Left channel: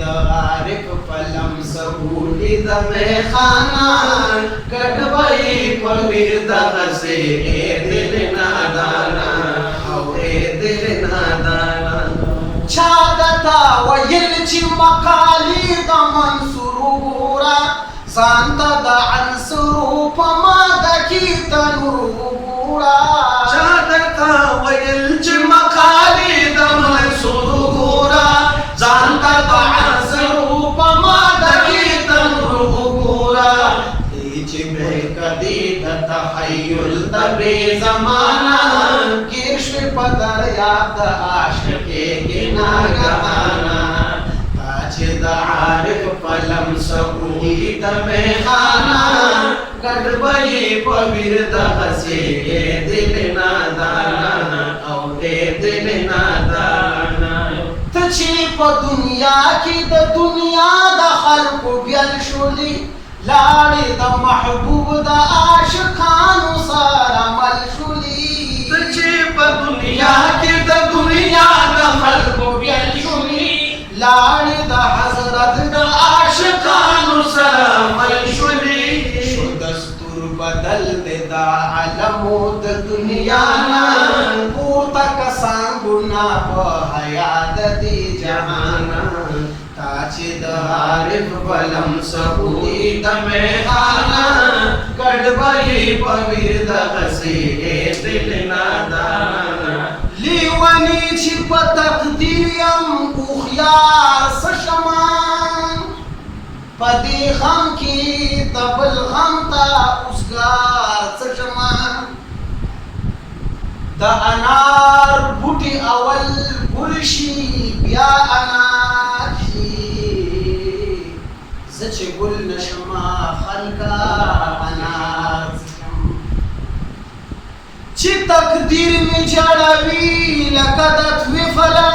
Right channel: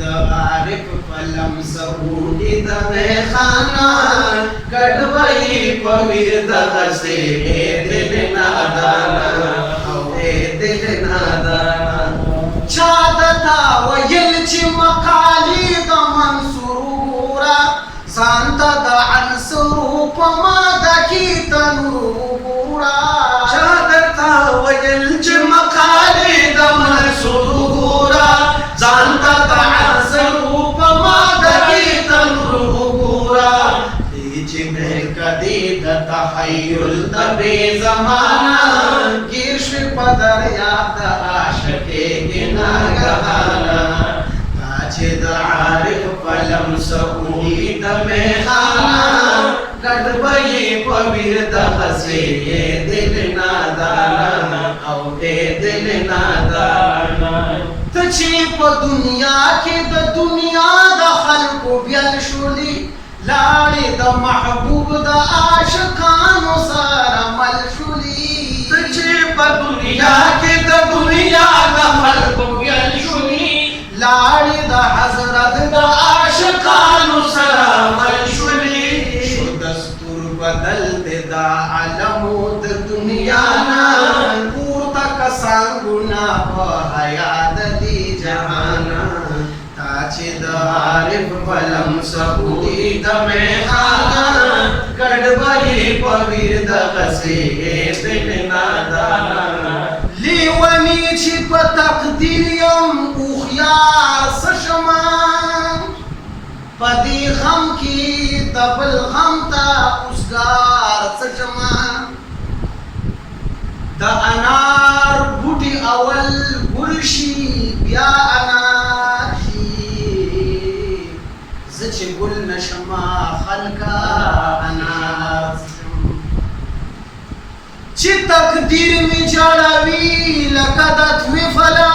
the Arif पलम सबूली the में खाना कटबई पविर दगसे ए दिल नादाना ए दिल नादाना छादता वयलची मकाली द मंसूरा सांता द अंसरूप मादकी तनुरा छादता वयलची मकाली द मंसूरा सांता द अंसरूप मादकी तनुरा लीची में कदीद तहय्युल तबे ज़माना गिर्श पदर याद आशिक़े गिना गहाना ताजिद आरिफ पलम सबूली दमे खाना गड़बई पविर दहसे ये दिल नादाना औ ए दिल नादाना तची प दुनिया की द दुनिया द खल्क बियल शुली लाड़ी द महबूब द आशिकानु सारा मलशुली तुझे प दुनिया के द दुनिया द खल्क बियल शुली लाड़ी द हजरत द आशिकानु सारा मलशुली दस्तूर बदल दे द अलमो द दुनिया ना पूर्ता कसांगुना प हयात दी जहाना ताजिद आरिफ पलम सबूली दमे खाना कड़बई पविर दगसे ए दिल नादाना लीवनी छिप तकदीरियम उखयार सशमान पदी गम की तबल गम ता उसगार सशमान द अनार बूटी अवल गुलशी बिया अनार सच गुल नशमा खलका अनार ची तकदीर में जड़वी लकदत विफला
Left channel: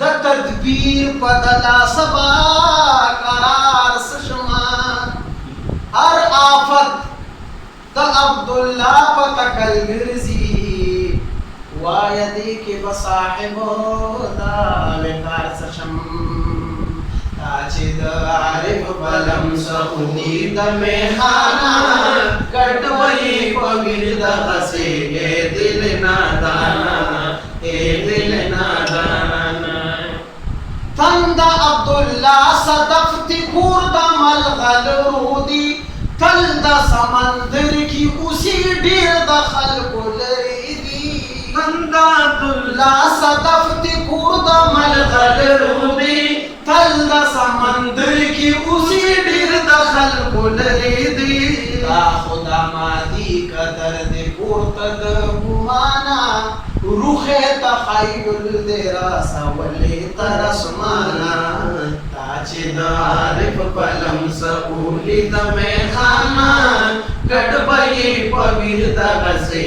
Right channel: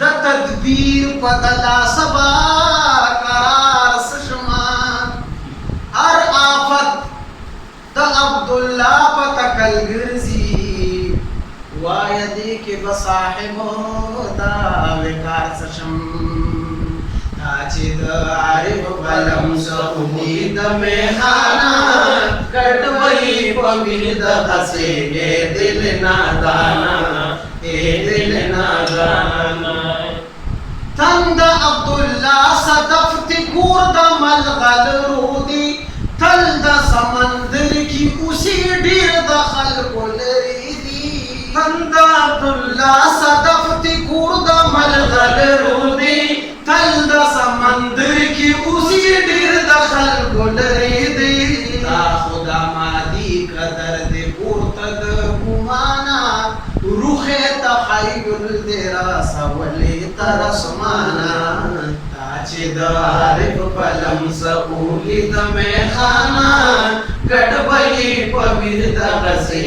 द तदबीर पदला सबा करार सशमा हर आफत द अब्दुल्ला पतकल गिरजी वायदी के बसाहिबो दा विकार सशम ताजिद आरिफ पलम सबूली दमे खाना कटवई पविर दगसे ए दिल नादाना ए दिल नादाना तंद अब्दुल्ला सदफ्ती कुर्द मलगल रूदी तल्द समंदर की उसी डीर दखल को लरीदी तंद अब्दुल्ला सदफ्ती कुर्द मलगल रूदी तल्द समंदर की उसी डीर दखल को लरीदी ता खुदा मादी कदर दे पुरतद गुमाना रूखे तखय्युल देरा सवले तरसमाना ताजिद आरिफ पलम सबूली दमे खाना गड़बई पविर दगसे